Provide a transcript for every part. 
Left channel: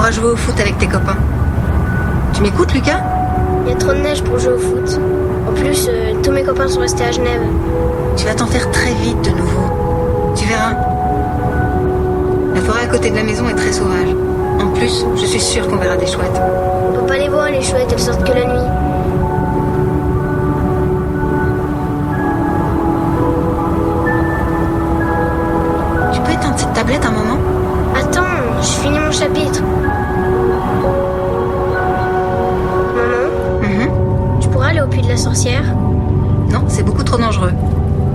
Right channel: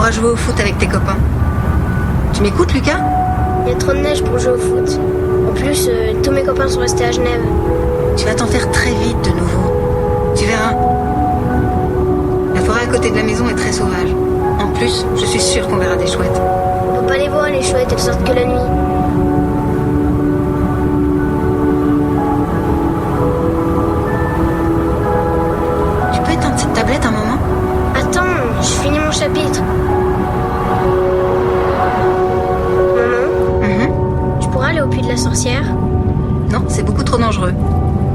pourras jouer au foot avec tes copains. Tu m'écoutes, Lucas? Il y a trop de neige pour jouer au foot. En plus, tous mes copains sont restés à Genève. Tu vas t'en faire très vite de nouveau. Tu verras. La forêt à côté de la maison est très sauvage. En plus, je suis sûre qu'on verra des chouettes. On peut pas les voir, les chouettes, elles sortent que la nuit. Tu peux éteindre cette tablette un moment? Attends, je finis mon chapitre. Maman, tu pourras aller au puits de la sorcière? Non, c'est beaucoup trop dangereux.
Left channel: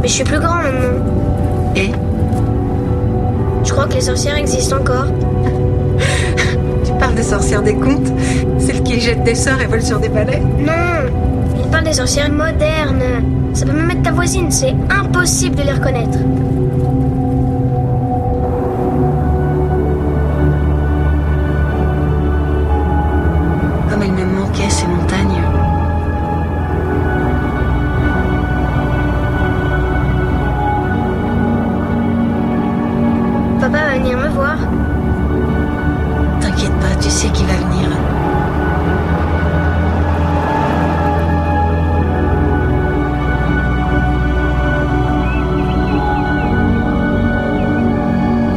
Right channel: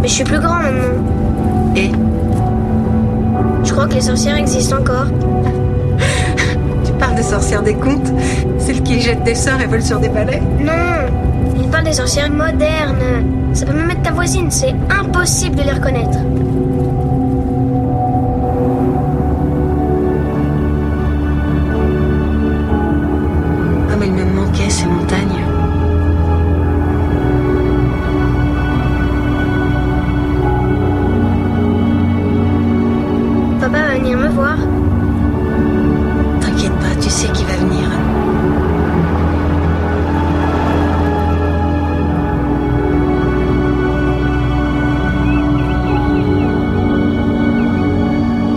Mais je suis plus grand maintenant. Et? Je crois que les sorcières existent encore. Tu parles des sorcières des contes? Celles qui jettent des sorts et volent sur des balais? Non, il parle des sorcières modernes. Ça peut même être ta voisine, c'est impossible de les reconnaître. Comme elles me manquaient, ces montagnes. Papa va venir me voir. T'inquiète pas, tu sais qui va venir.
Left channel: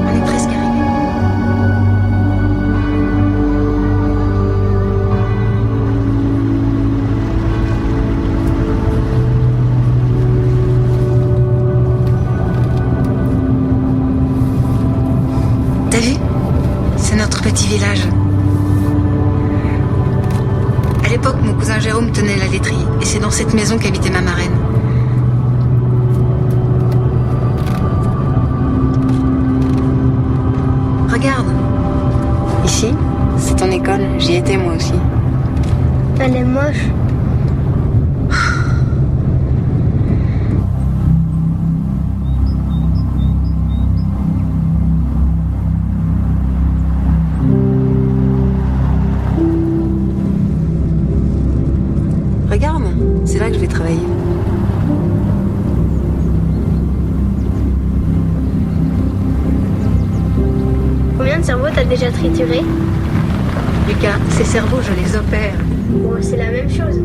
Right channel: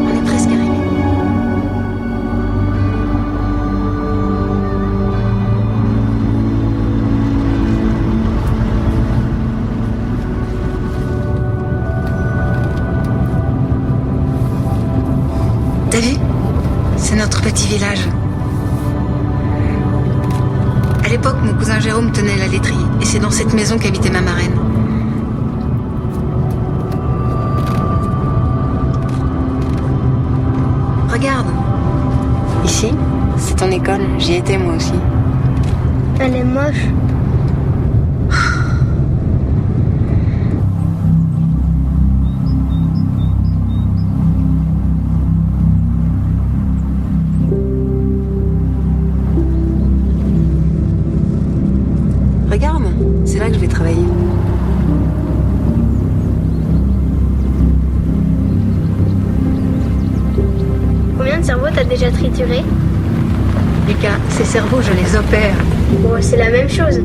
On est presque arrivé. T'as vu? C'est notre petit village. À l'époque, mon cousin Jérôme tenait la laiterie, et c'est dans cette maison qu'habitait ma marraine. Regarde. Ici, c'est ton école. J'y étais moi aussi. Elle est moche. Regarde, c'est là que je vais travailler. Combien de cerveaux t'as déjà trituré? Lucas, ces cerveaux, je les opère. Bon, c'est la même chose.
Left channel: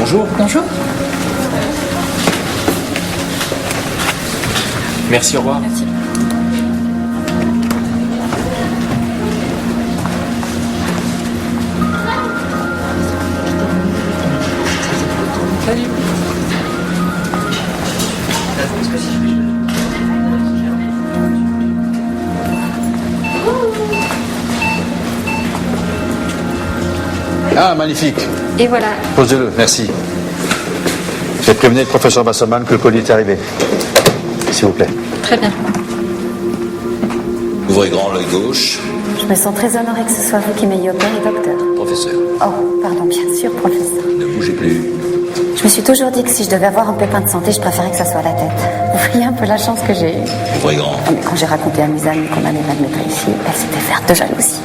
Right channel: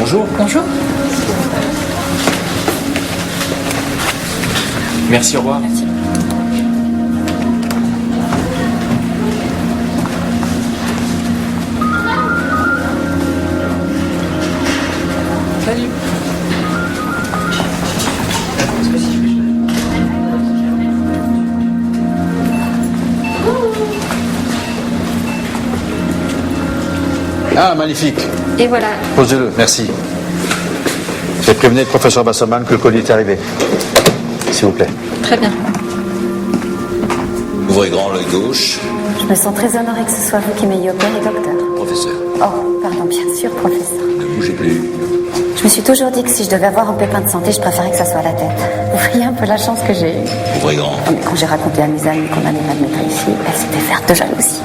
Bonjour. Bonjour. Merci, au revoir. Merci. Salut. Ah, magnifique. Et voilà. Posez-le, merci. J'ai prévenu le professeur Basselman que le colis est arrivé. S'il vous plaît. Très bien. Ouvrez grand l'œil gauche. Je me sens très honorée que ce soit vous qui m'ayez opéré, docteur. Professeur, Oh, pardon, bien sûr, professeur. ne bougez plus. Je me suis toujours dit que si je devais avoir un pépin de santé, je préférais que ça soit la tête. Vous voyez un peu la chance que j'ai eue. Ouvrez grand. Oh, mais quand j'ai raconté à mes amies qu'on allait m'admettre ici, elles s'étaient vertes de jalousie.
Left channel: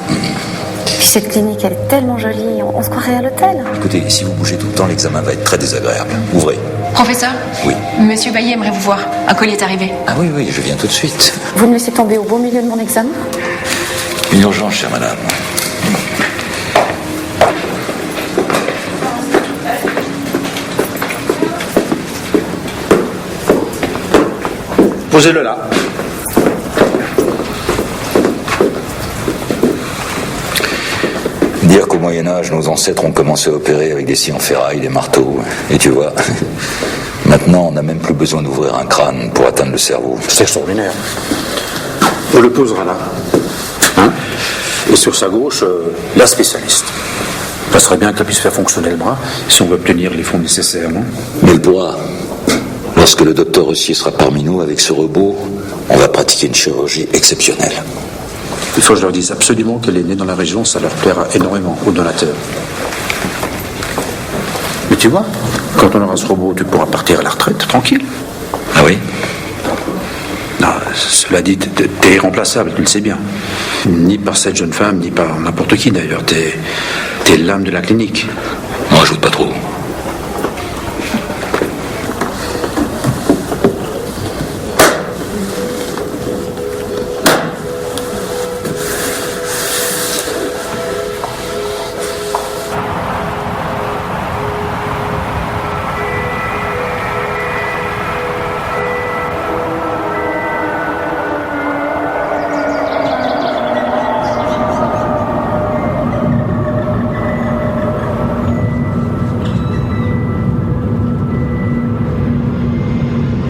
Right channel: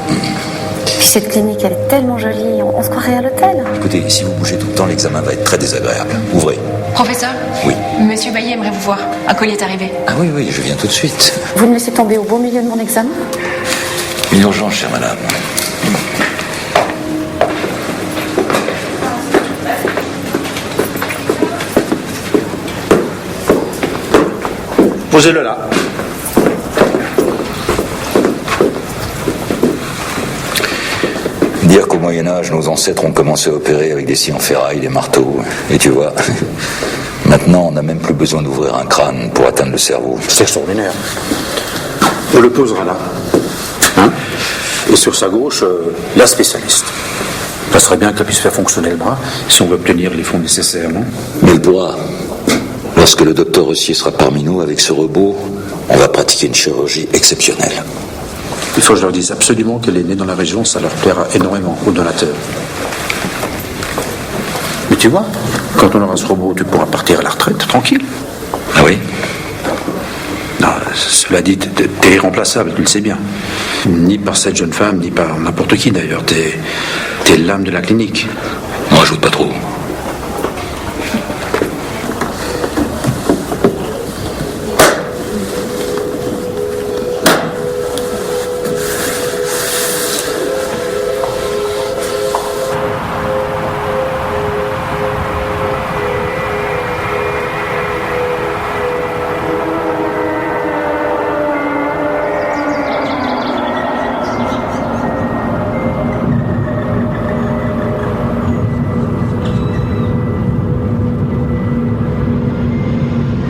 Puis cette clinique, elle est tellement jolie, on se croirait à l'hôtel. Écoutez, si vous bougez tout le temps, l'examen va être très désagréable. Ouvrez. Professeur, Oui. Monsieur Bailly aimerait vous voir. Un colis est arrivé. Ah oui, oui, je viens tout de suite. Vous me laissez tomber au beau milieu de mon examen? Une urgence, chère madame. Posez-le là. Dire qu'au Moyen-Âge, nos ancêtres ont commencé à opérer avec des scies en ferraille, des marteaux. Et tu vois, maintenant, on n'a même plus besoin d'ouvrir un crâne pour atteindre le cerveau. C'est extraordinaire. On le posera là. Hein? Et sur sa gauche, la spécialiste. Ça serait bien qu'elle puisse faire fonctionner le bras si on veut obtenir les fonds nécessaires, non? Mais elle pourra. Lorsque le docteur Rossier sera parmi nous avec ce robot, on va pratiquer une chirurgie exceptionnelle. Il faut que je leur dise absolument qu'elle est née dans la région, ça leur plaira énormément aux donateurs. Mais tu vois, quand on aura ce robot, tu pourras partir à la retraite, tranquille. Ah oui? Non, cela dit, t'es irremplaçable, tu le sais bien. Ni par cette jeune femme, ni par n'importe qui d'ailleurs. T'es l'âme de la clinique. On rajoute pas trop.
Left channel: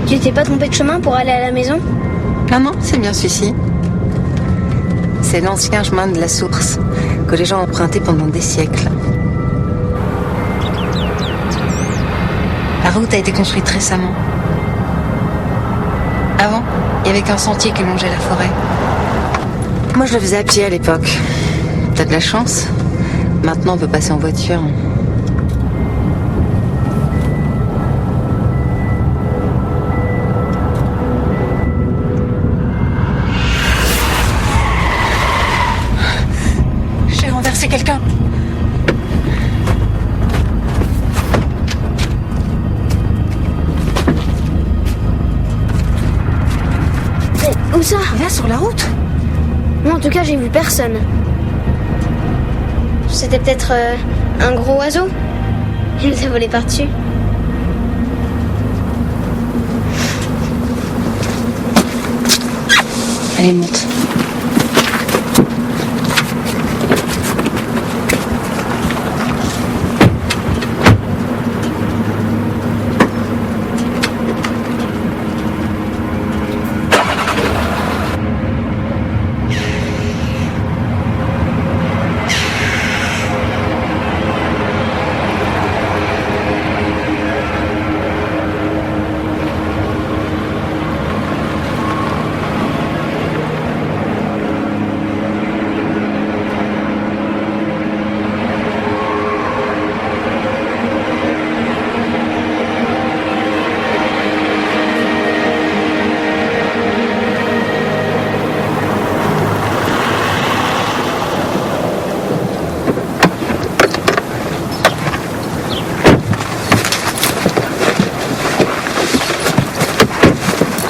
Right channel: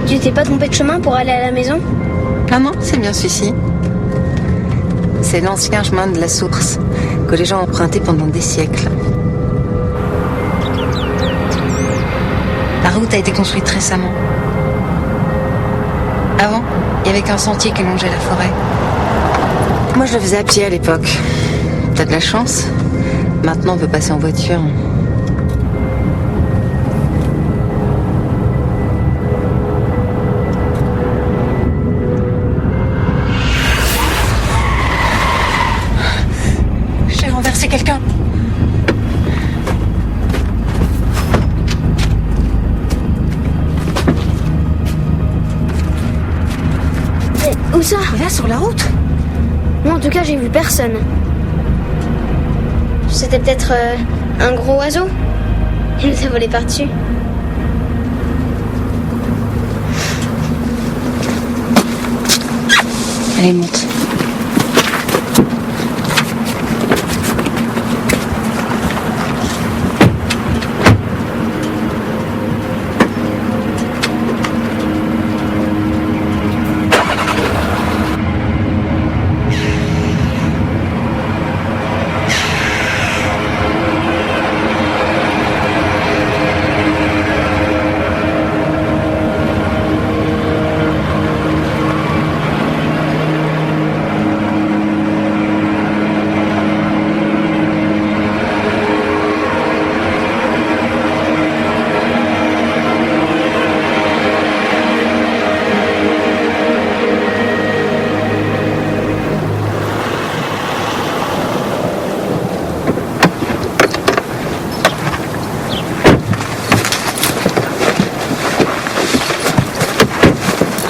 Tu t'es pas trompé de chemin pour aller à la maison? Non, c'est bien celui-ci. C'est l'ancien chemin de la source que les gens ont emprunté pendant des siècles. La route a été construite récemment. Avant, il n'y avait qu'un sentier qui longeait la forêt. Moi, je le faisais à pied à l'époque. T'as de la chance. Maintenant, on peut passer en voiture. J'ai renversé quelqu'un. Où ça? Là, sur la route. Moi, en tout cas, j'ai vu personne. C'était peut-être un gros oiseau. Il nous a volé par-dessus. Allez, monte.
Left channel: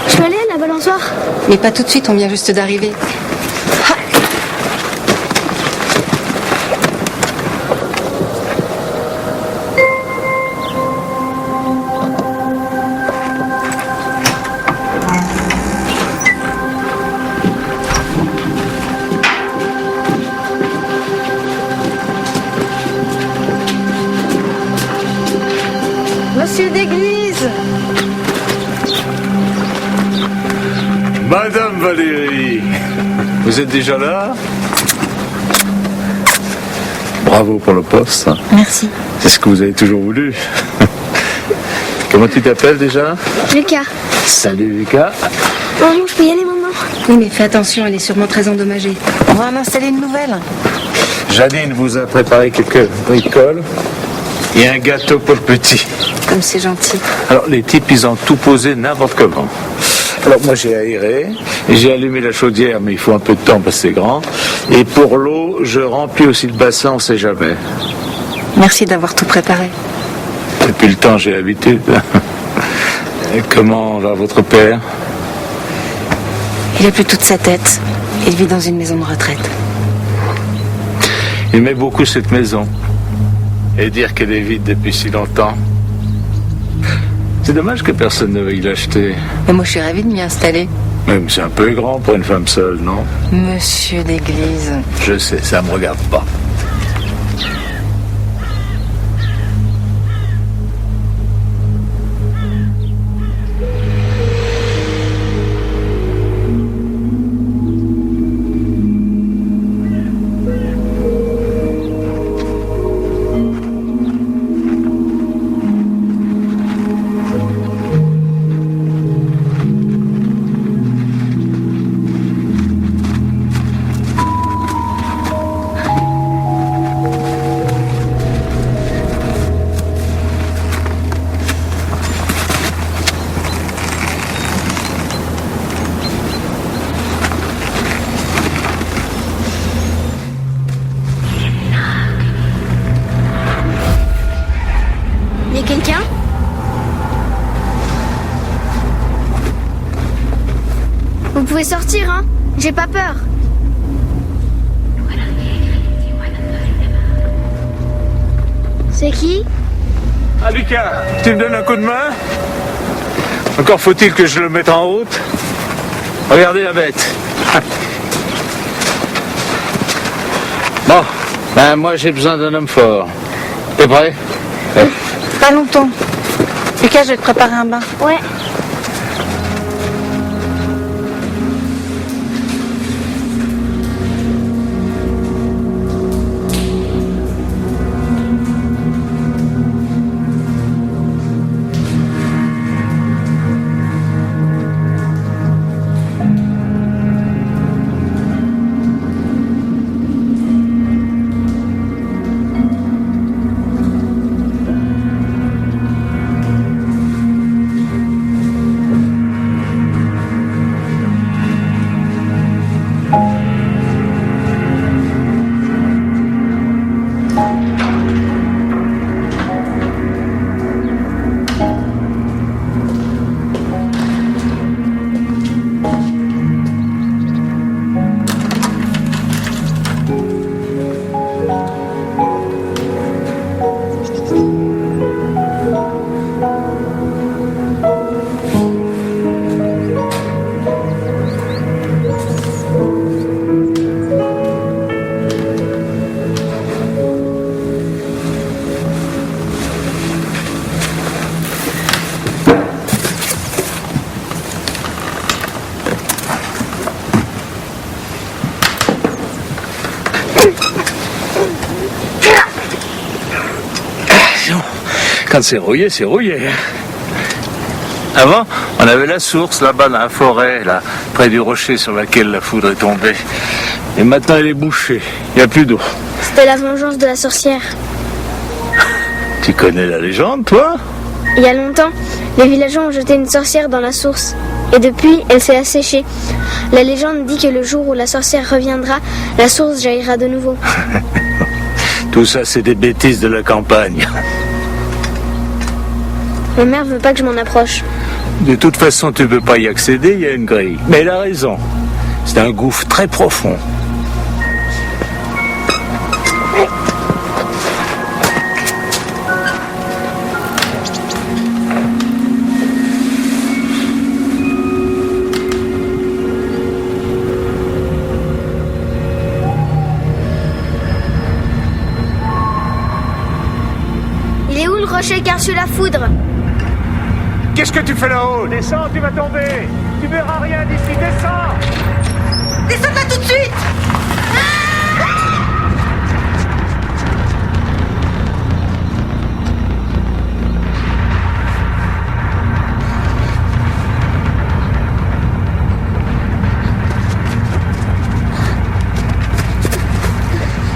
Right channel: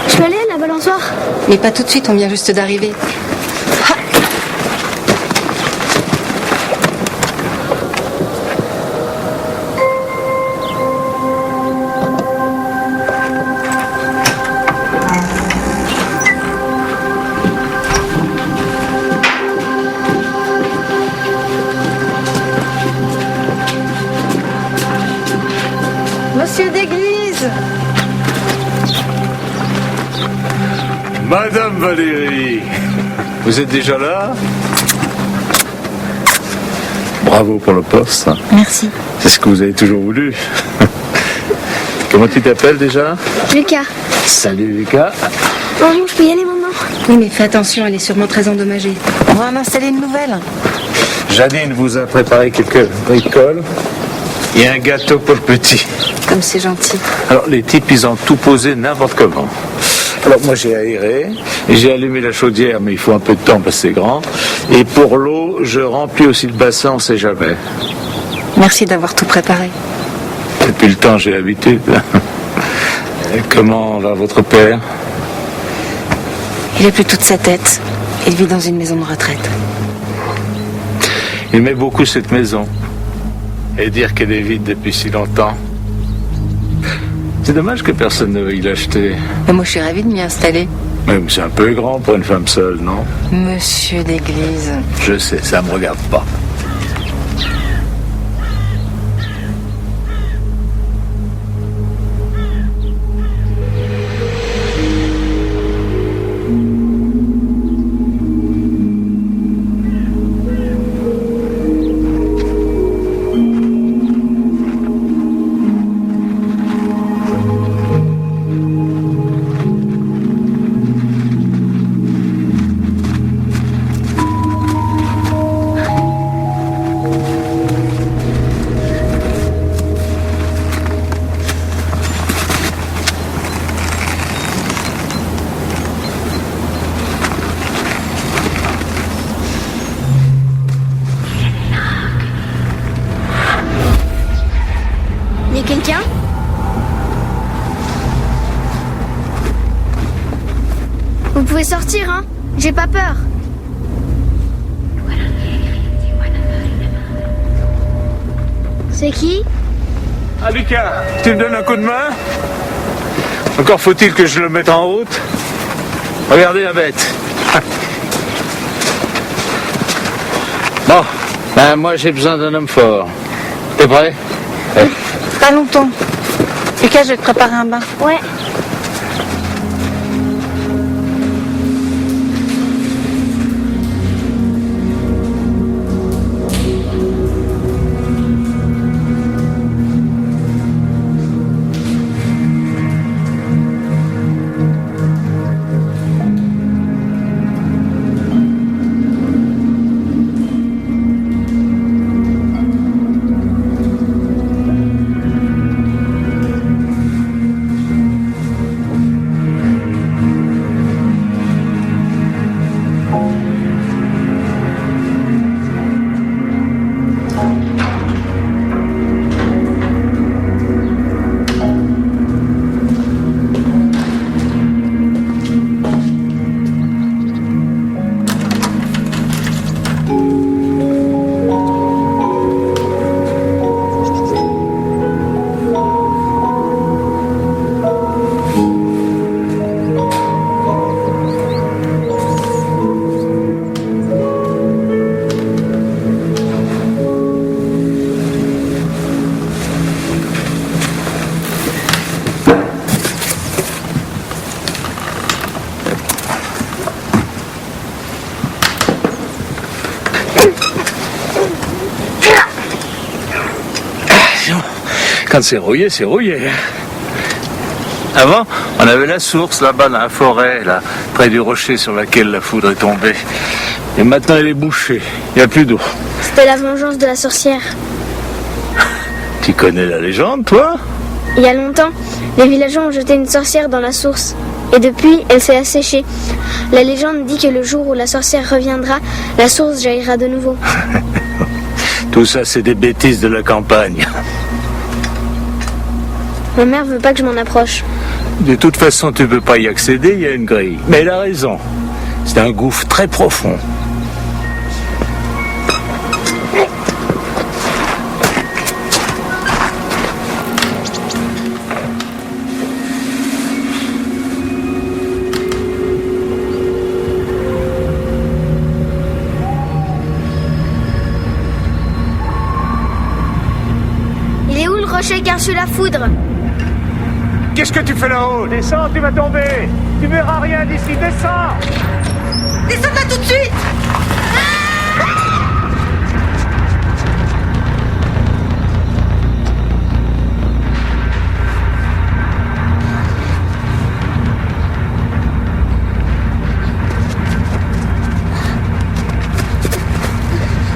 Je peux aller à la balançoire? Mais pas tout de suite, on vient juste d'arriver. Ah. Monsieur d'église! Madame Valérie, vous êtes déjà là? Bravo pour le poste. Merci. C'est ce que vous avez toujours voulu. Comment tu t'appelles déjà? Lucas. Salut Lucas. Bonjour, je peux y aller maintenant? Oui, mais fais attention, elle est sûrement très endommagée. On va en installer une nouvelle. Janine vous a préparé quelques bricoles et un gâteau pour le petit. Comme c'est gentil. Alors les types, ils ont tout posé n'importe comment. Alors moi j'ai aéré, et j'ai allumé la chaudière, mais il faut un peu de temps parce que c'est grand. Et pour l'eau, je remplis aussi le bassin, on sait jamais. Merci d'avoir tout préparé. Depuis le temps, j'ai l'habitude. Comment va votre père? Il a plus toute sa tête. Il vit dans une maison de retraite. Il aimait beaucoup cette maison. Et dire qu'elle est vide depuis si longtemps. C'est dommage que personne ne veuille l'acheter. Mais moi, je suis ravie de m'y installer. Même c'est un peu grand pour une femme seule, non? Monsieur d'église. Je sais, ça me regarde pas. pouvez sortir, hein. J'ai pas peur. C'est qui? Ah Lucas, tu me donnes un coup de main? Encore faut-il que je le mette en route. Regardez la bête. Bon, ben moi j'ai besoin d'un homme fort. T'es prêt? Pas longtemps. Lucas, je vais te préparer un bain. Ouais. Quand c'est rouillé, c'est rouillé. Avant, on avait la source là-bas dans la forêt, là, près du rocher sur lequel la foudre est tombée. Et maintenant, elle est bouchée. Il n'y a plus d'eau. C'était la vengeance de la sorcière. Tu connais la légende, toi? Il y a longtemps, les villageois ont jeté une sorcière dans la source. Et depuis, elle s'est asséchée. La légende dit que le jour où la sorcière reviendra, la source jaillira de nouveau. Tout ça, c'est des bêtises de la campagne. Ma mère veut pas que je m'en approche. De toute façon, tu ne peux pas y accéder, il y a une grille. Mais elle a raison. C'est un gouffre très profond. Il est où le rocher qui a reçu la foudre? Qu'est-ce que tu fais là-haut? Descends, tu vas tomber. Tu verras rien d'ici, descends. Descends de là tout de suite!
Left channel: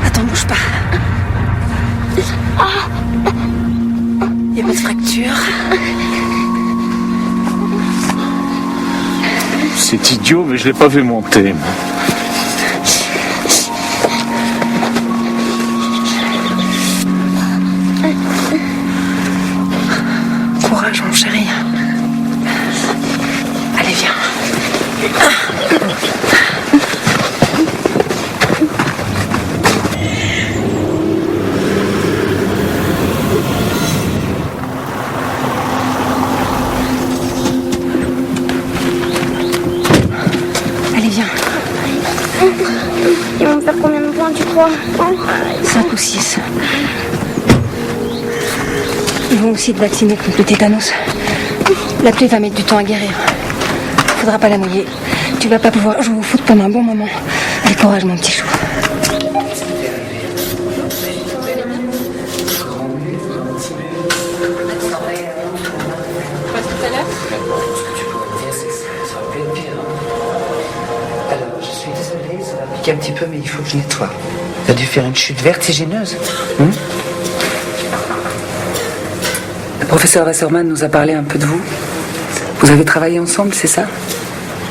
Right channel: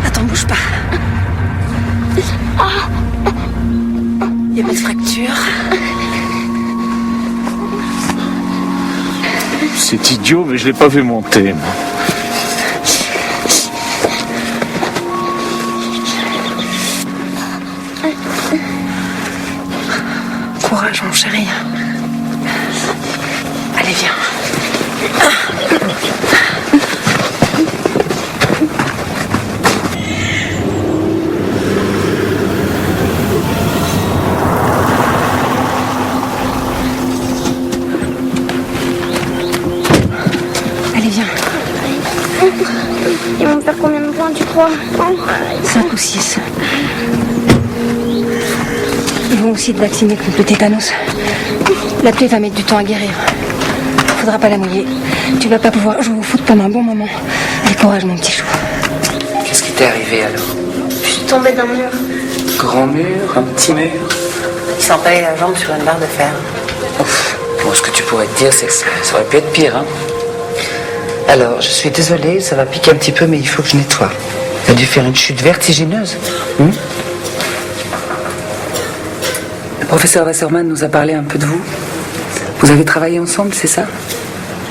Attends, bouge pas. Y a pas de fracture. C'est idiot, mais je l'ai pas vu monter. Moi. Courage, mon chéri. Allez, viens. Allez, viens. Ils vont me faire combien de points, tu crois? 5 ou 6. Ils vont aussi te vacciner contre le tétanos. La plaie va mettre du temps à guérir. Faudra pas la mouiller. Tu vas pas pouvoir jouer au foot pendant un bon moment. Allez, courage, mon petit chou. Qu'est-ce qui t'est arrivé alors? Je suis tombée d'un mur. Grand mur, un petit mur? Il s'est empalé la jambe sur une barre de fer. Bon, ce que tu pourrais te dire, c'est que ça aurait pu être pire, hein? Alors, je suis désolée, ça va piquer un petit peu, mais il faut que je nettoie. T'as dû faire une chute vertigineuse. Le professeur Wasserman nous a parlé un peu de vous. Vous avez travaillé ensemble, c'est ça?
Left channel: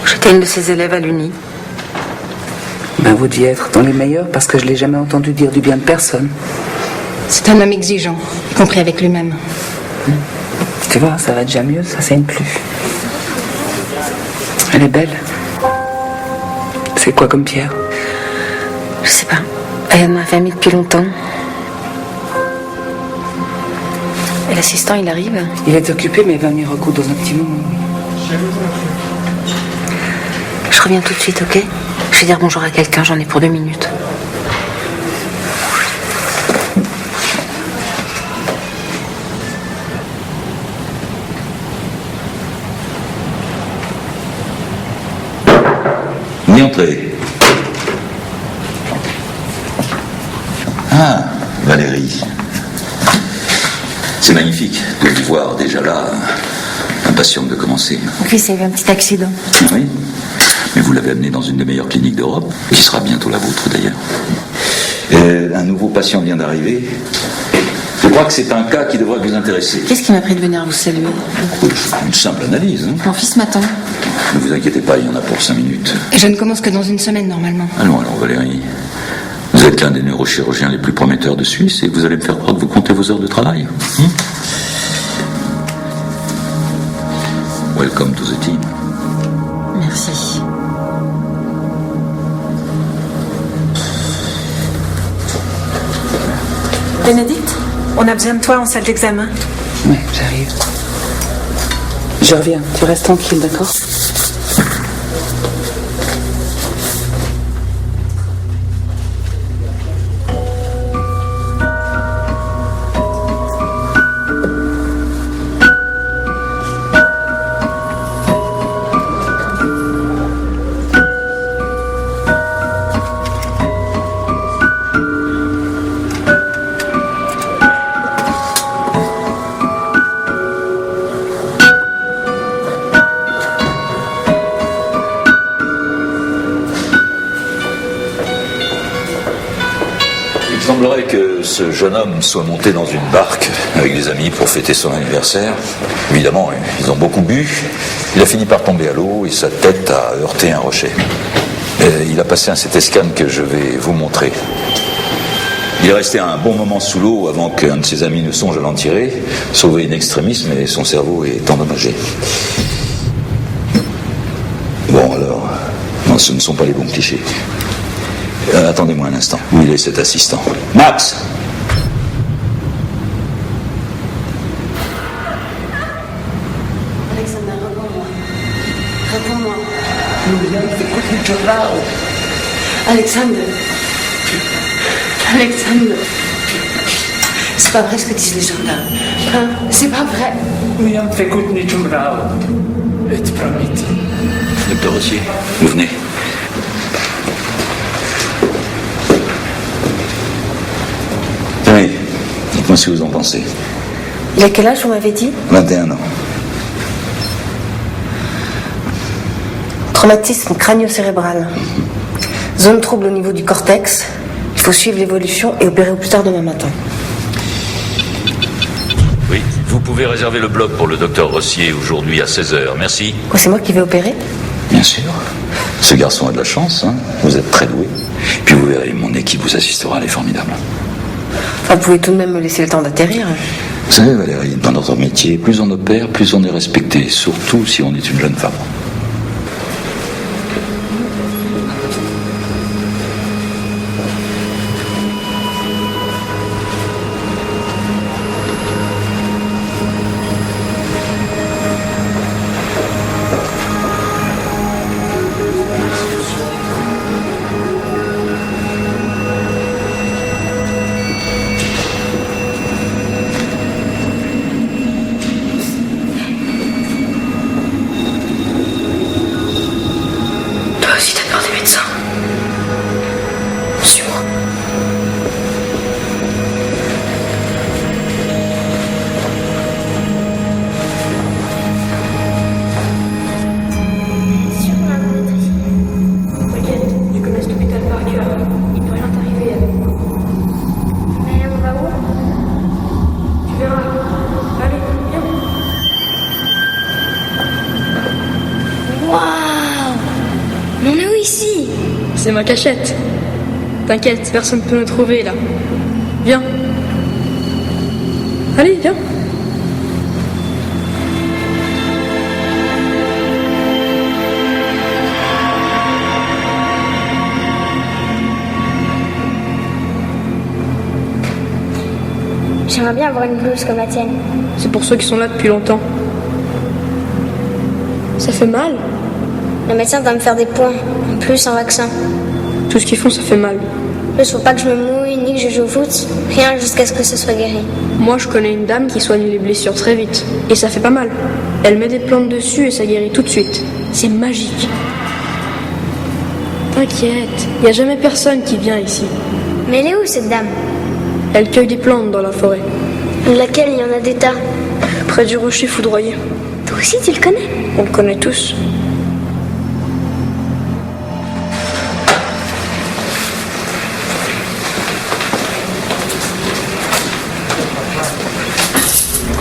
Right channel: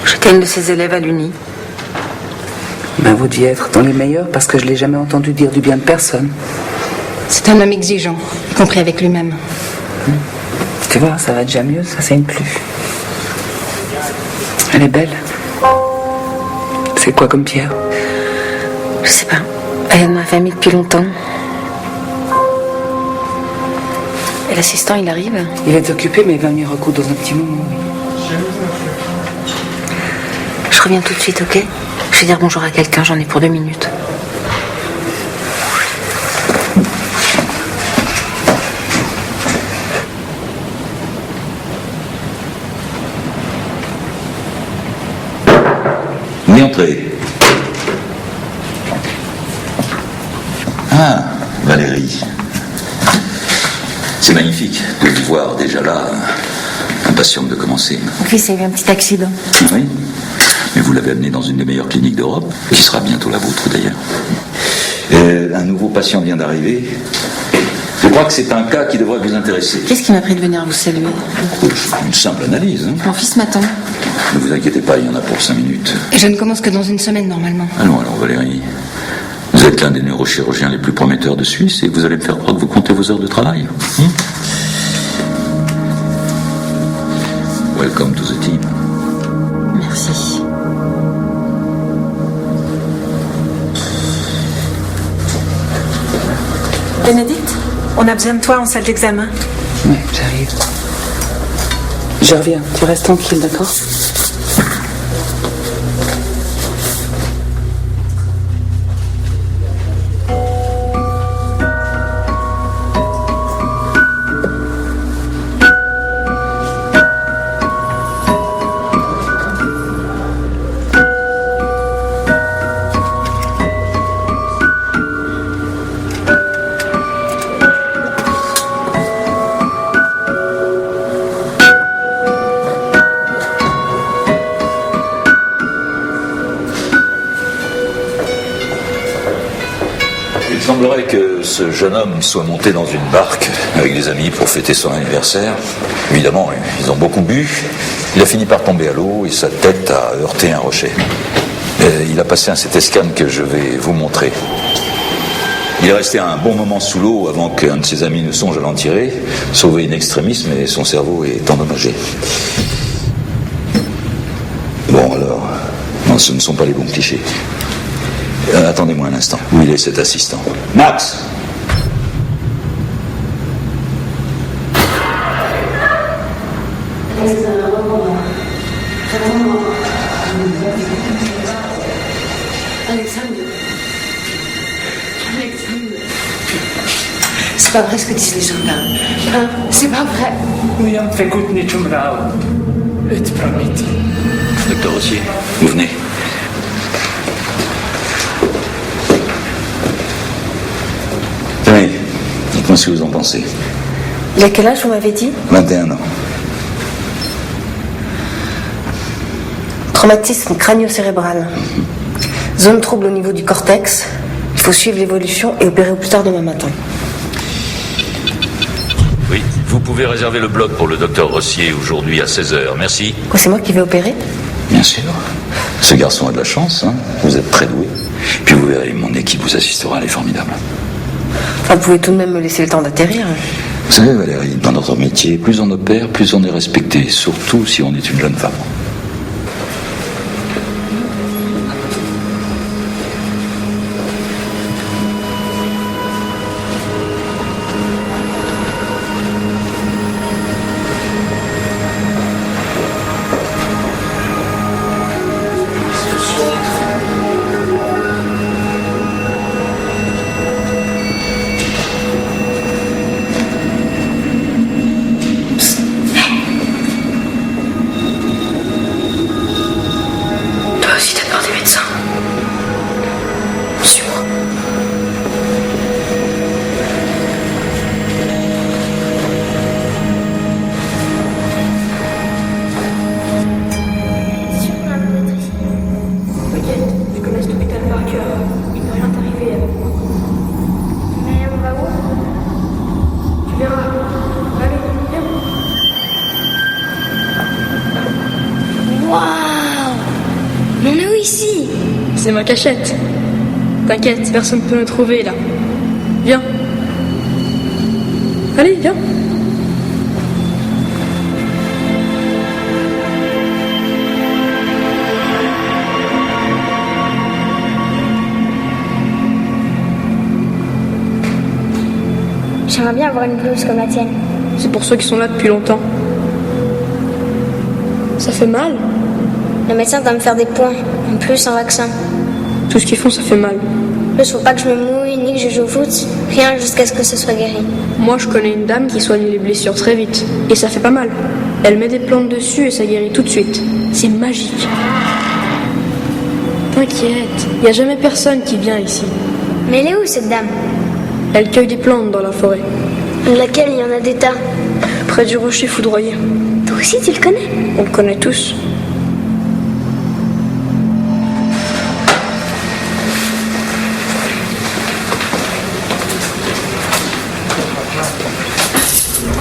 J'étais une de ses élèves à l'Uni. Ben, vous deviez être dans les meilleurs parce que je l'ai jamais entendu dire du bien de personne. C'est un homme exigeant, y compris avec lui-même. Tu vois, ça va déjà mieux, ça saigne plus. Elle est belle. C'est quoi comme pierre? Je sais pas. Elle est de ma famille depuis longtemps. Et l'assistant, il arrive? Il est occupé, mais il va venir recoudre dans un petit moment. Je reviens tout de suite, ok? Je vais dire bonjour à quelqu'un, j'en ai pour 2 minutes. Ni entrer. Ah, Valérie. C'est magnifique de vous voir déjà là, impatiente de commencer. Mon fils a eu un petit accident. Oui, mais vous l'avez amené dans une des meilleures cliniques d'Europe, qui sera bientôt la vôtre d'ailleurs. Un nouveau patient vient d'arriver. Je crois que c'est un cas qui devrait vous intéresser. Qu'est-ce qui m'a pris de venir vous saluer? Une simple analyse. Hein. Mon fils m'attend. Ne vous inquiétez pas, il y en a pour 5 minutes. Je ne commence que dans 1 semaine, normalement. Allons alors, Valérie. Vous êtes l'un des neurochirurgiens les plus prometteurs de Suisse et vous allez me faire croire que vous comptez vos heures de travail. Welcome to the team. Merci. Bénédicte, on a besoin de toi en salle d'examen. Oui, j'arrive. Je reviens. Tu restes tranquille, d'accord? Il semblerait que ce jeune homme soit monté dans une barque avec des amis pour fêter son anniversaire. Évidemment, ils ont beaucoup bu. Il a fini par tomber à l'eau et sa tête a heurté un rocher. Il a passé un CT scan que je vais vous montrer. Il est resté un bon moment sous l'eau avant qu'un de ses amis ne songe à l'en tirer, sauvé in extremis, mais son cerveau est endommagé. Bon alors, non, ce ne sont pas les bons clichés. Attendez-moi un instant. Où il est cet assistant? Max! Alexandre, réponds-moi. Réponds-moi. Alexandre. Alexandre. C'est pas vrai ce que disent les gens là. Hein? C'est pas vrai. Docteur Rossier, vous venez. Tenez, dites-moi ce que vous en pensez. Il a quel âge, vous m'avez dit? 21 ans. Traumatisme crânio-cérébral. Zone trouble au niveau du cortex. Il faut suivre l'évolution et opérer au plus tard demain matin. Oui, vous pouvez réserver le bloc pour le docteur Rossier aujourd'hui à 16h. Merci. Quoi, c'est moi qui vais opérer? Bien sûr. Ce garçon a de la chance, hein. Vous êtes très doué. Puis vous verrez, mon équipe vous assistera, elle est formidable. Enfin, vous pouvez tout de même me laisser le temps d'atterrir. Vous savez, Valérie, dans notre métier, plus on opère, plus on est respecté, surtout si on est une jeune femme. Toi aussi, t'as peur des médecins. Suis-moi. C'est sûr qu'on a besoin d'être ici. T'inquiète, je connais cet hôpital par cœur. Il peut rien t'arriver avec moi. Mais on va où? Tu verras. Allez, viens. Waouh! On est où ici? C'est ma cachette. T'inquiète, personne ne peut nous trouver là. Viens. Allez, viens. J'aimerais bien avoir une blouse comme la tienne. C'est pour ceux qui sont là depuis longtemps. Ça fait mal. Le médecin doit me faire des points, en plus un vaccin. Tout ce qu'ils font, ça fait mal. En plus, faut pas que je me mouille ni que je joue au foot. Rien jusqu'à ce que ce soit guéri. Moi, je connais une dame qui soigne les blessures très vite. Et ça fait pas mal. Elle met des plantes dessus et ça guérit tout de suite. C'est magique. T'inquiète, y a jamais personne qui vient ici. Mais elle est où cette dame? Elle cueille des plantes dans la forêt. Laquelle il y en a des tas? Près du rocher foudroyé. Toi aussi, tu le connais? On le connaît tous.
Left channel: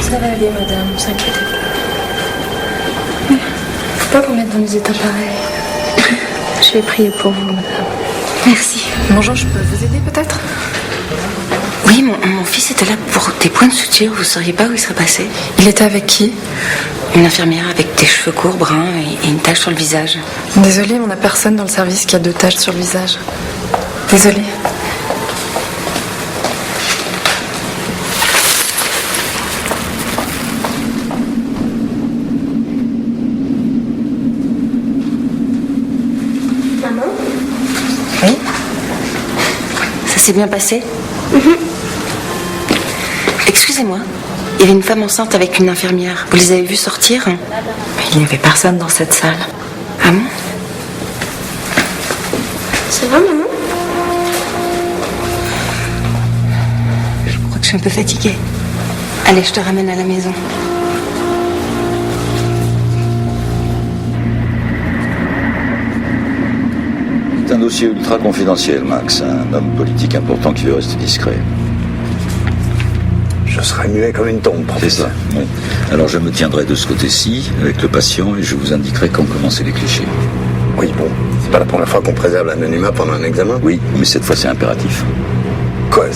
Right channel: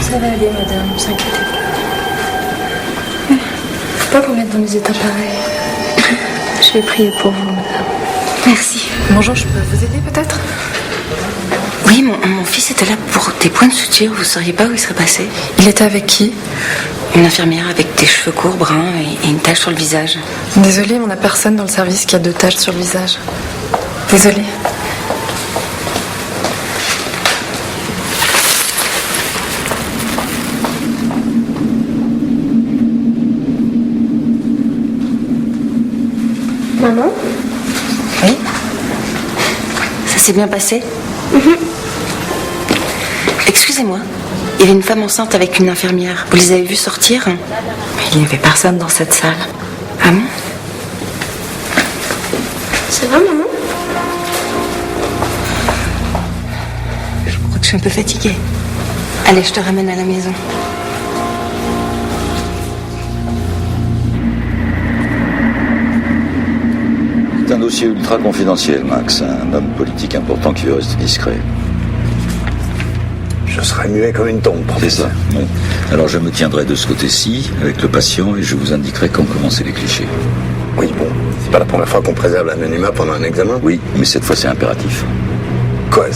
Ça va aller, madame, ne vous inquiétez pas. Faut pas vous mettre dans des états pareils. Je vais prier pour vous, madame. Merci. Bonjour, je peux vous aider peut-être? Oui, mon fils était là pour des points de suture. Vous sauriez pas où il serait passé? Il était avec qui? Une infirmière avec des cheveux courts, bruns et une tache sur le visage. Désolée, on n'a personne dans le service qui a de taches sur le visage. Désolée. Maman? Oui? Ça s'est bien passé? Excusez-moi, il y avait une femme enceinte avec une infirmière. Vous les avez vues sortir? Mais il n'y avait personne dans cette salle. Ah bon? Ça va, maman? Je crois que je suis un peu fatiguée. Allez, je te ramène à la maison. C'est un dossier ultra confidentiel, Max. Un homme politique important qui veut rester discret. Je serais muet comme une tombe, C'est professeur. ça, oui. Alors je me tiendrai de ce côté-ci, avec le patient, et je vous indiquerai quand commencer les clichés. Oui, bon, c'est pas la première fois qu'on préserve l'anonymat pendant un examen. Oui, mais cette fois c'est impératif. Quoi?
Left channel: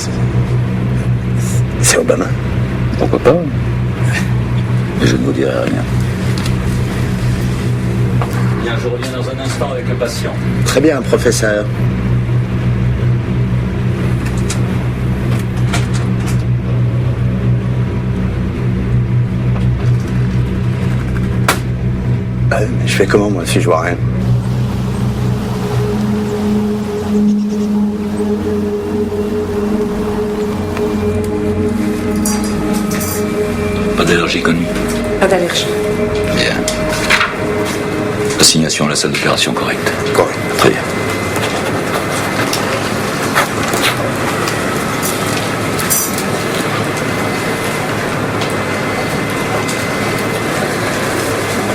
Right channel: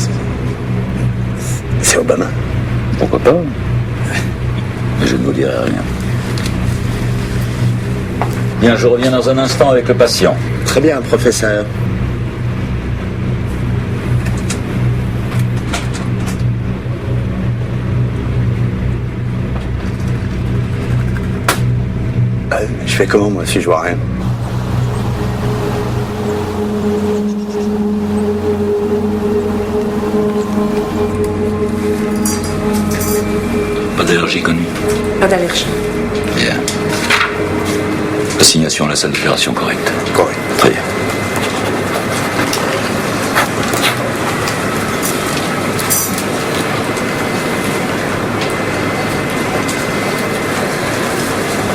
C'est Obama? Pourquoi pas? Mais je ne vous dirai rien. Bien, je reviens dans un instant avec le patient. Très bien, professeur. Mais je fais comment, moi, si je vois rien? Pas d'allergie connue. Pas d'allergie. Bien. Assignation à la salle d'opération correcte. Correct. Très bien.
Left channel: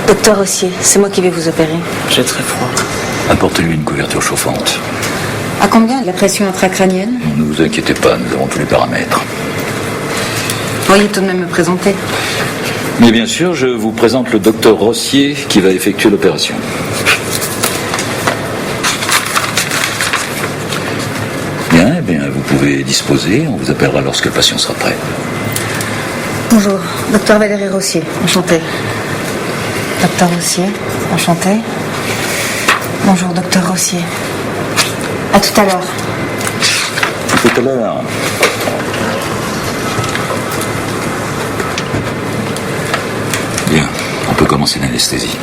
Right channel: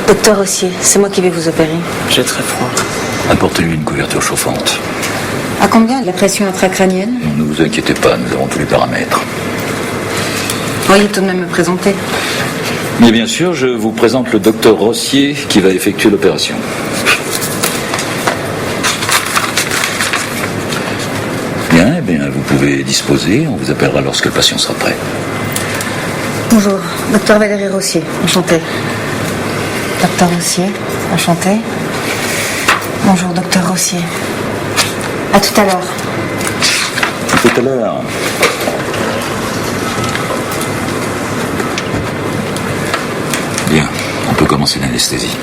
Docteur Rossier, c'est moi qui vais vous opérer. J'ai très froid. Apportez-lui une couverture chauffante. À combien la pression intracrânienne? Ne vous inquiétez pas, nous avons tous les paramètres. Veuillez tout de même me présenter. Mais bien sûr, je vous présente le docteur Rossier qui va effectuer l'opération. Bien, eh bien, vous pouvez disposer. On vous appellera lorsque le patient sera prêt. Bonjour, docteur Valérie Rossier, enchantée. Docteur Rossier, enchantée. Bonjour, docteur Rossier. À tout à l'heure. À tout à l'heure. Bien, on peut commencer l'anesthésie.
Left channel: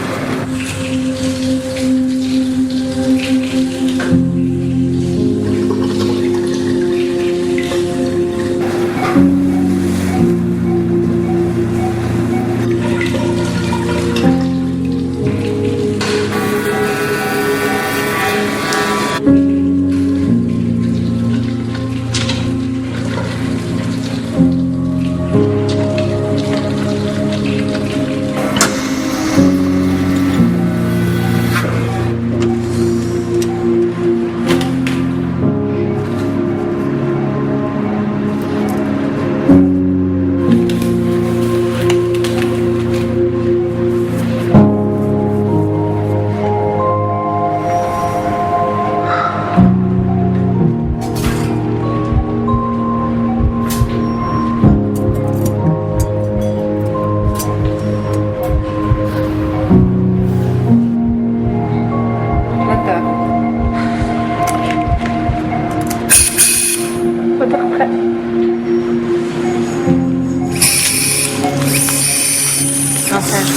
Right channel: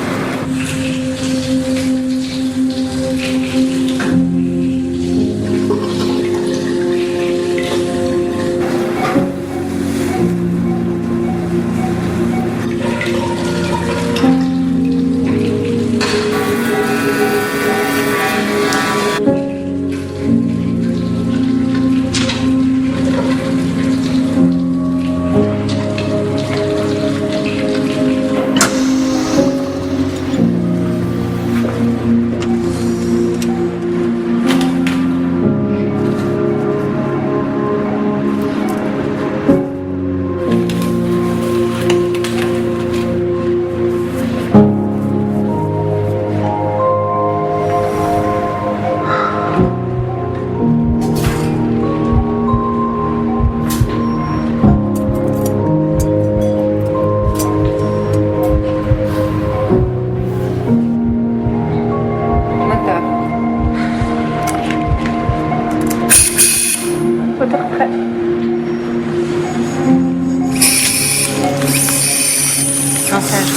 Massage.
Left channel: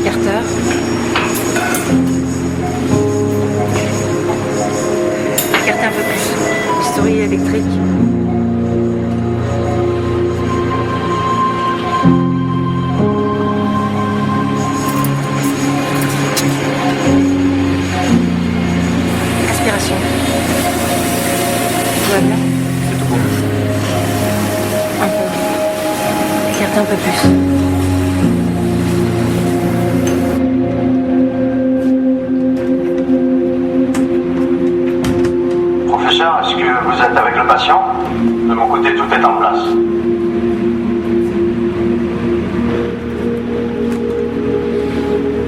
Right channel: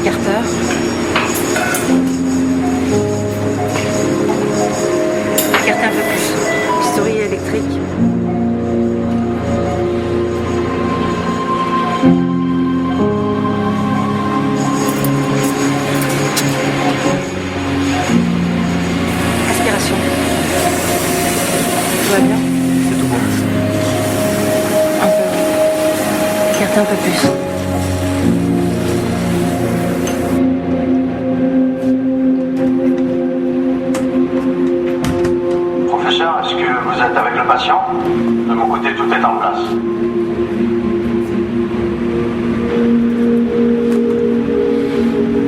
Écarteur. Écartez un peu plus. Bistouri électrique. Aspiration. Tout va bien? C'est tout bon. Un peu. Écartez un peu plus. Professeur, est-ce que vous êtes avec le patient? De mon côté, tout est en place.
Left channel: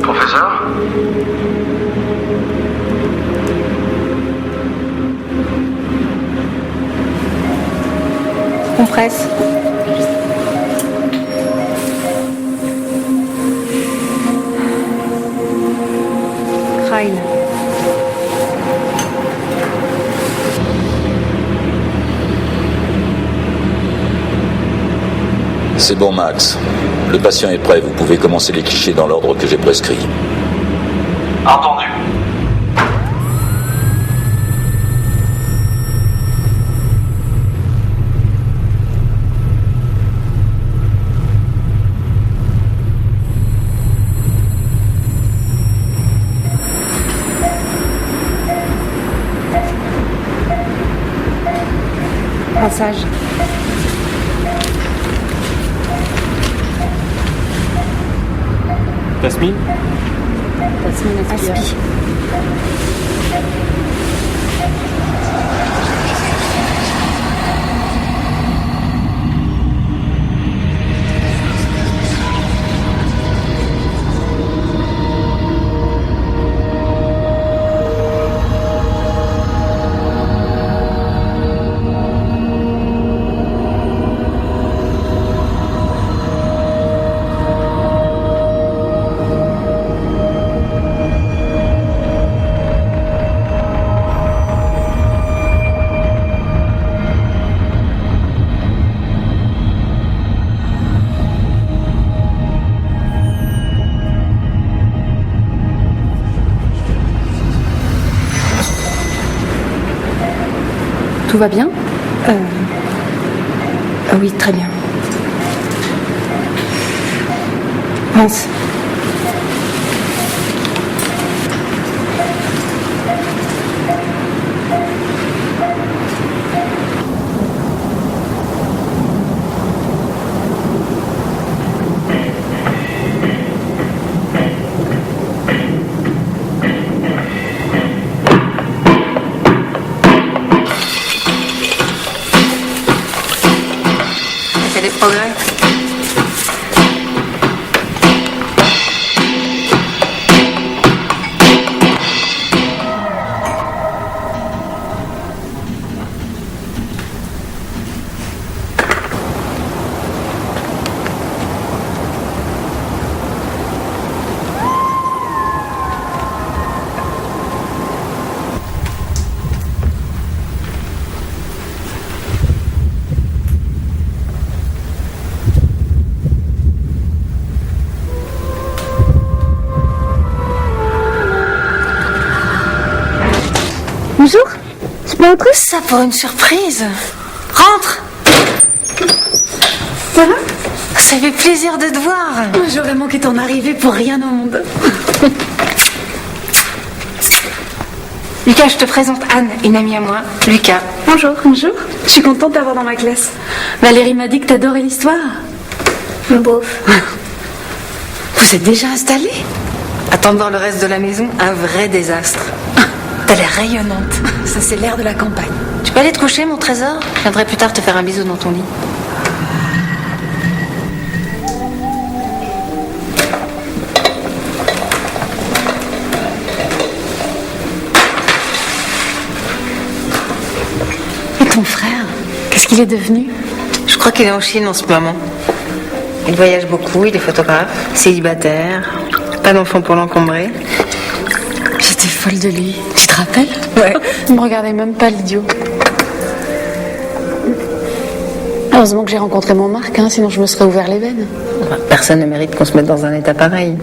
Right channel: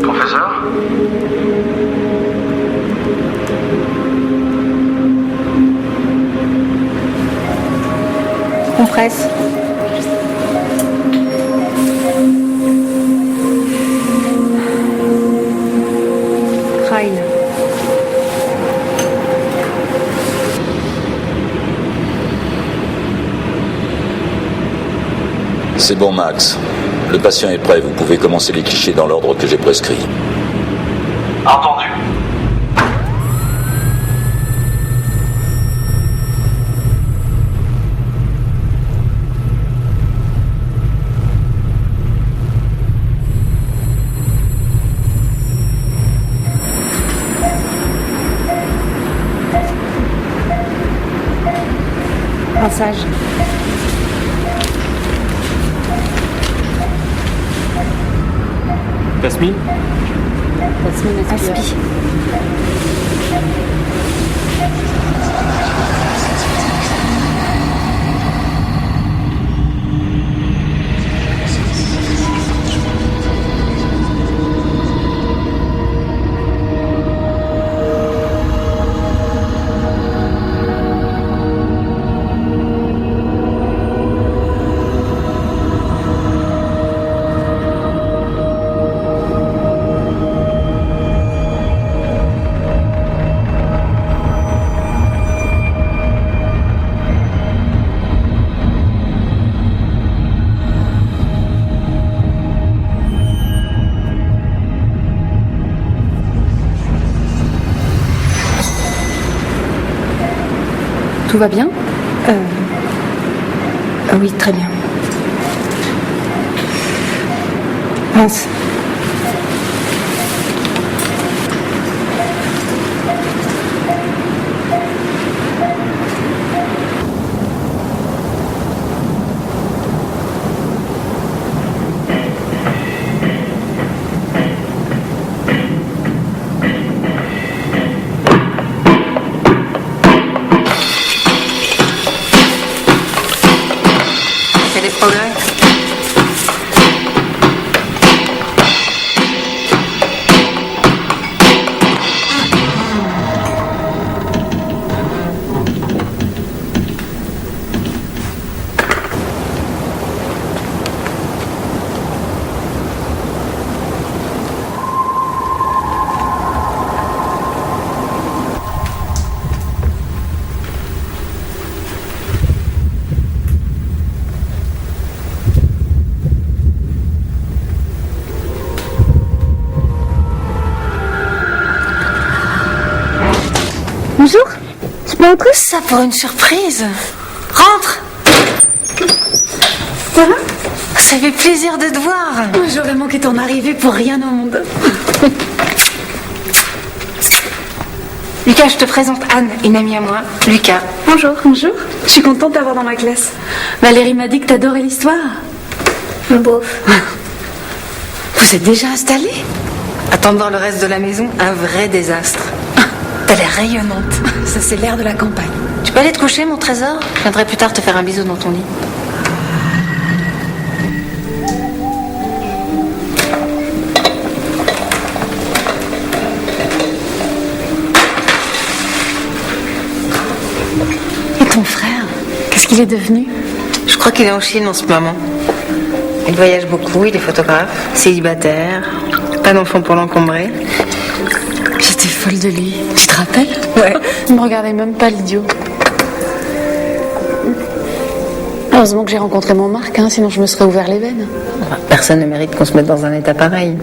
Professeur? Compresse. Crâne. C'est bon, Max. Le patient est prêt. Vous pouvez commencer les clichés dans l'ordre que j'ai prescrit. Entendu. Rinçage. Tasmine? Tasmine aspire. Aspi. Tout va bien? Oui, très bien. Mince. Ça fait des progrès. Bonjour, je peux entrer? Ça pour une surprise. Rentre. Ça va? Ça fait plaisir de te voir. J'aurais manqué ton arrivée pour rien au monde. Lucas, je te présente Anne, une amie à moi. Lucas. Bonjour. Bonjour. Je suis contente d'avoir dans ma classe. Valérie m'a dit que t'adorais l'histoire. Bof. Vous êtes déjà installés? Attends de voir le reste de la maison, un vrai désastre. T'as l'air rayonnante. Ça, c'est l'air de la campagne. Tu peux aller te coucher, mon trésor? Je viendrai plus tard te faire un bisou dans ton lit. Et ton frère? Qu'est-ce qu'il est devenu? Je crois qu'il est en Chine en ce moment. Il voyage beaucoup, il est photographe, célibataire, pas d'enfant pour l'encombrer. J'étais folle de lui. Tu te rappelles? Ouais. Il me regardait même pas, l'idiot. Heureusement que j'ai rencontré mon Marc, hein, sinon je me serais ouvert les veines. Enfin, personne ne mérite qu'on se mette dans un état pareil.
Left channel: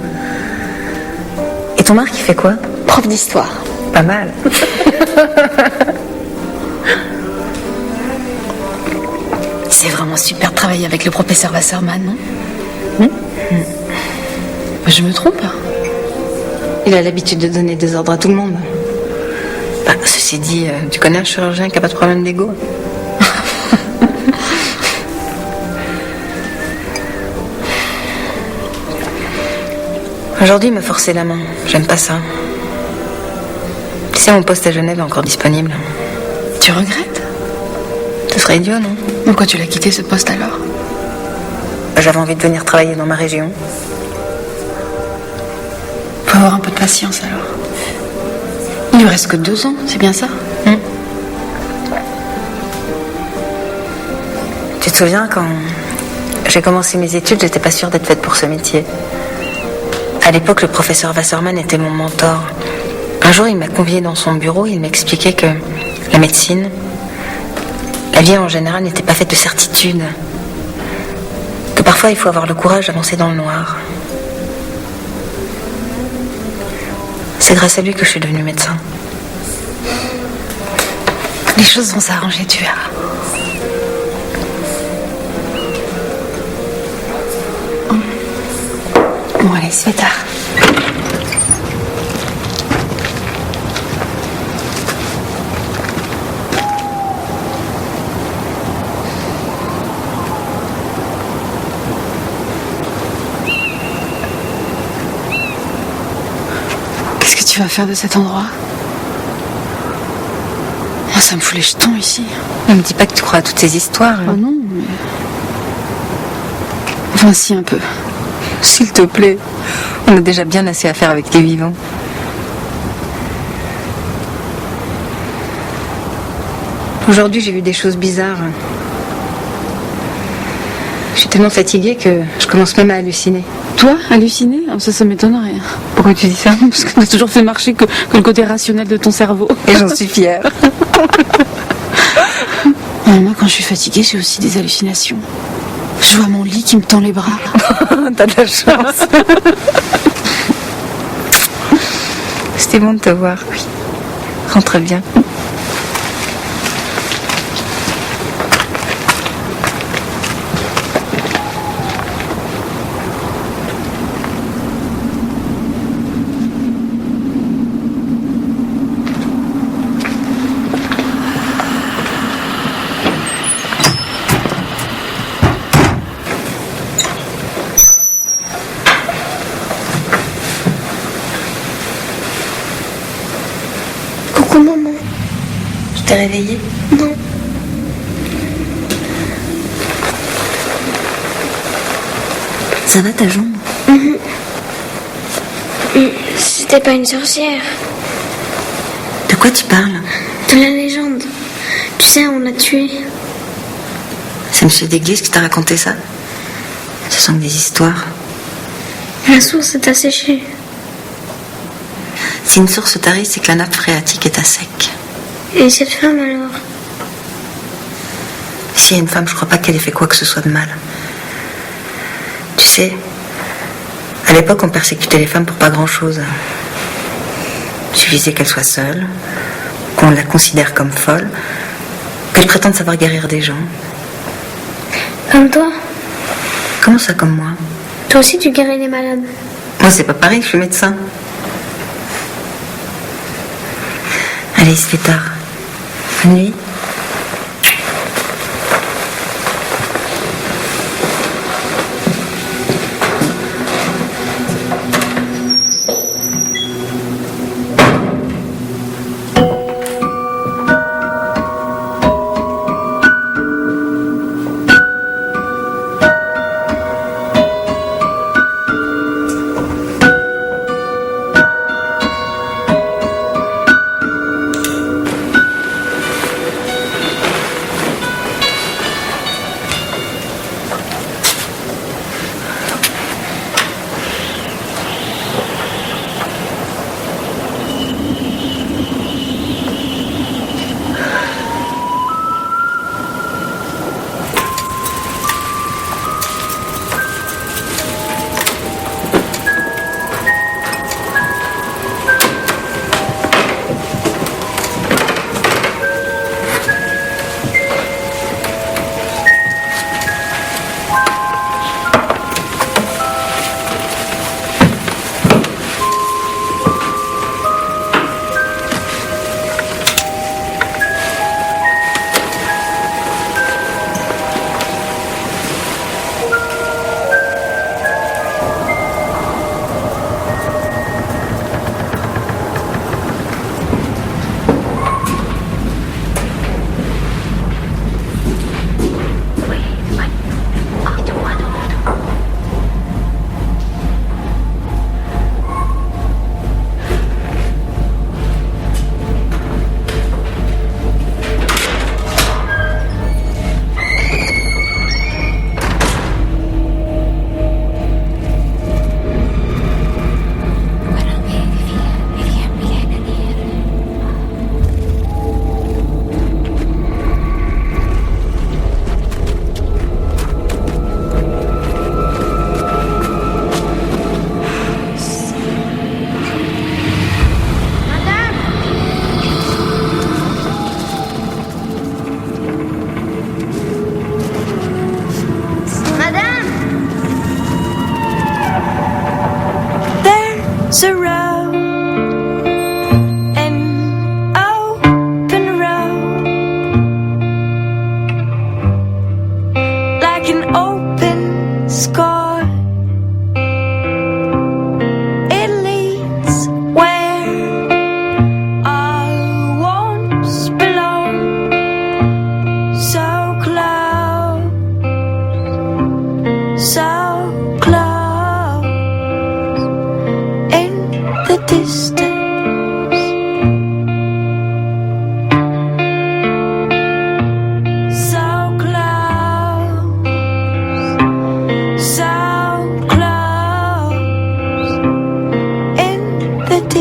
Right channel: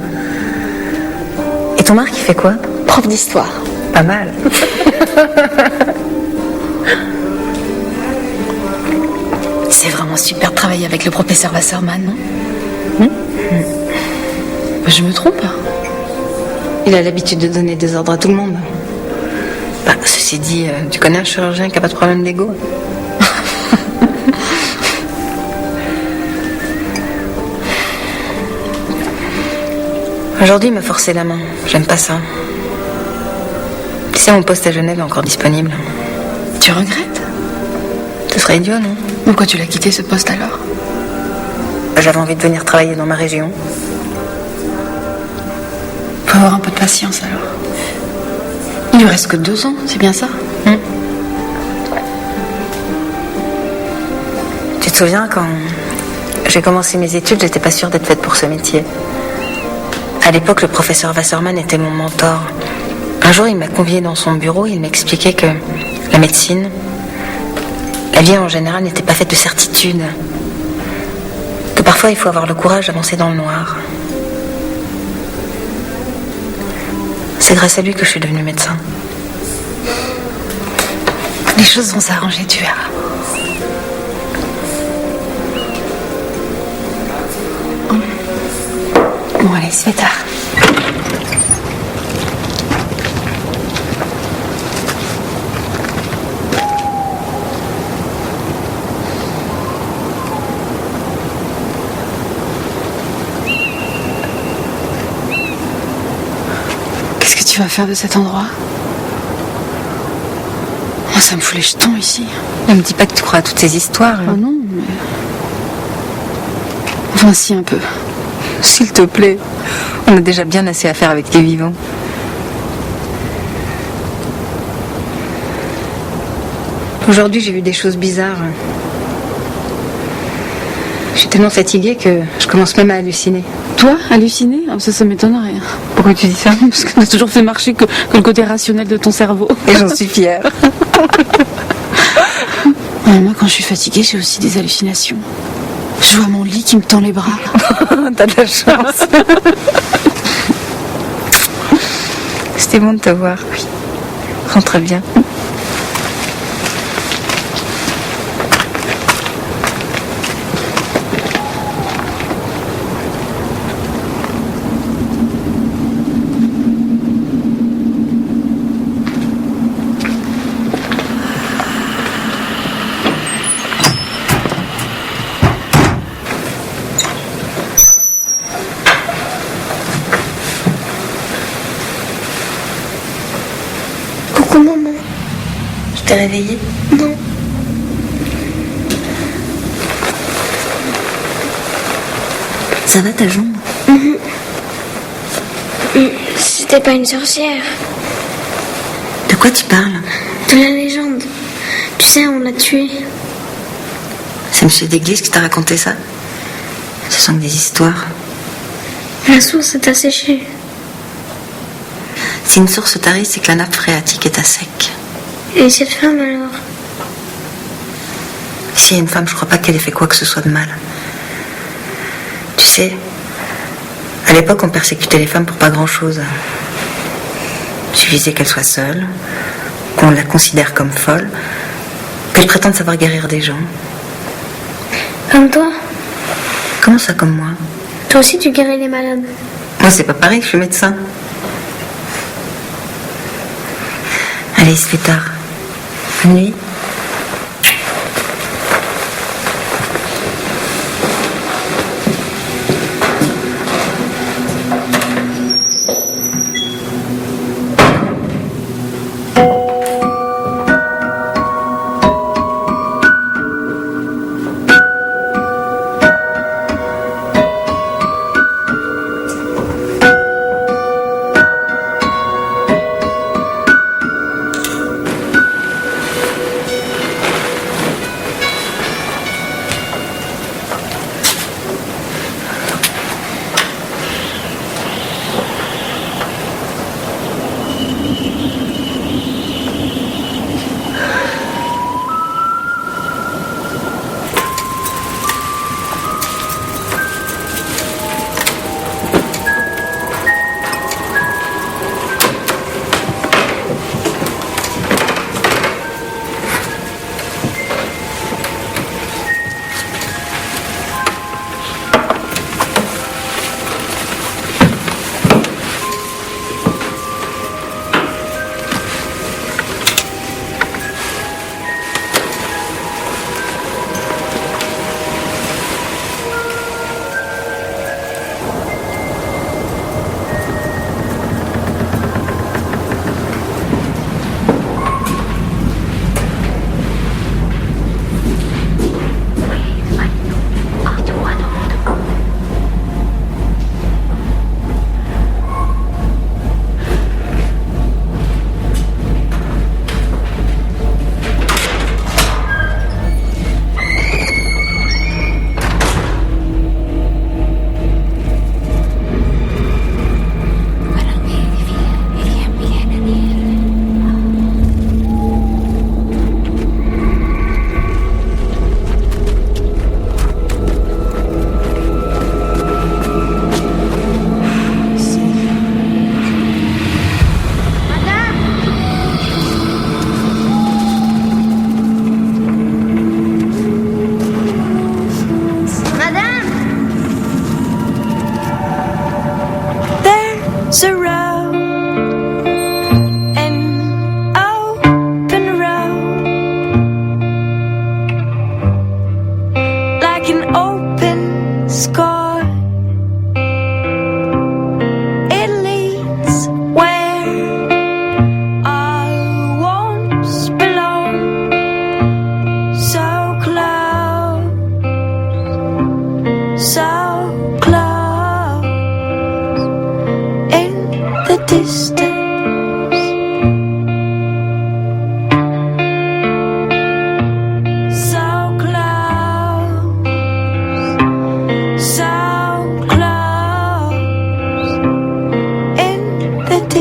Et ton Marc, il fait quoi? Prof d'histoire. Pas mal. C'est vraiment super de travailler avec le professeur Wasserman, non? Je me trompe? Il a l'habitude de donner des ordres à tout le monde. Bah, ceci dit, tu connais un chirurgien qui n'a pas de problème d'ego? Aujourd'hui, il m'a forcé la main. J'aime pas ça. Tu sais, mon poste à Genève est encore disponible. Tu regrettes? Ce serait idiot, non? Pourquoi tu l'as quitté ce poste alors? J'avais envie de venir travailler dans ma région. Faut avoir un peu de patience alors. Il lui reste que 2 ans, c'est bien ça? Tu te souviens, quand j'ai commencé mes études, j'étais pas sûre d'être faite pour ce métier. À l'époque, le professeur Wasserman était mon mentor. Un jour, il m'a conviée dans son bureau et il m'expliquait que la médecine, la vie en général n'était pas faite de certitudes. Que parfois, il faut avoir le courage d'avancer dans le noir. C'est grâce à lui que je suis devenue médecin. Les choses vont s'arranger, tu verras. Bon, allez, il se fait tard. Qu'est-ce que tu vas faire de cet endroit? Moi, ça me fout les jetons ici. Ne me dis pas que tu crois à toutes ces histoires. Oh non, mais... Enfin, si, un peu. S'il te plaît, on a déjà bien assez à faire avec les vivants. Aujourd'hui, j'ai vu des choses bizarres. Je suis tellement fatiguée que je commence même à halluciner. Toi, halluciner? Ça m'étonnerait. Pourquoi tu dis ça? Parce que t'as toujours fait marcher que le côté rationnel de ton cerveau. Et j'en suis fière. Moi, quand je suis fatiguée, j'ai aussi des hallucinations. Je vois mon lit qui me tend les bras. T'as de la chance. C'était bon de te voir. Oui. Rentre bien. Coucou maman. Je t'ai réveillée? Non. Ça va ta jambe? C'était pas une sorcière. De quoi tu parles? De la légende. Tu sais, on l'a tué. C'est monsieur d'église qui t'a raconté ça? Ce sont des histoires. La source est asséchée. Si une source tarie, c'est que la nappe phréatique est à sec. Et cette femme alors? S'il y a une femme, je crois pas qu'elle ait fait quoi que ce soit de mal. Tu sais, à l'époque, on persécutait les femmes pour pas grand-chose. Il suffisait qu'elles soient seules, qu'on la considère comme folle, qu'elles prétendent savoir guérir des gens. Comme toi? Comment ça, comme moi? Toi aussi, tu guéris les malades. Moi, c'est pas pareil, je suis médecin. Allez, il se fait tard. Bonne nuit.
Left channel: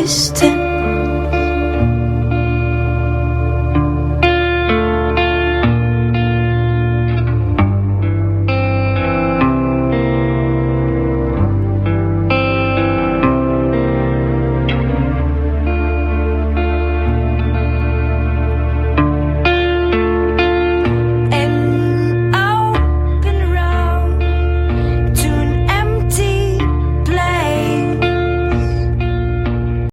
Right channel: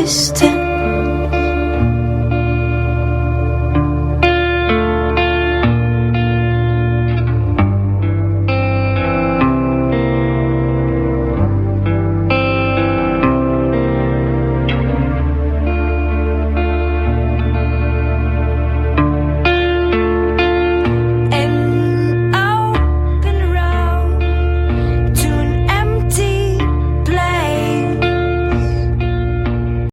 distant.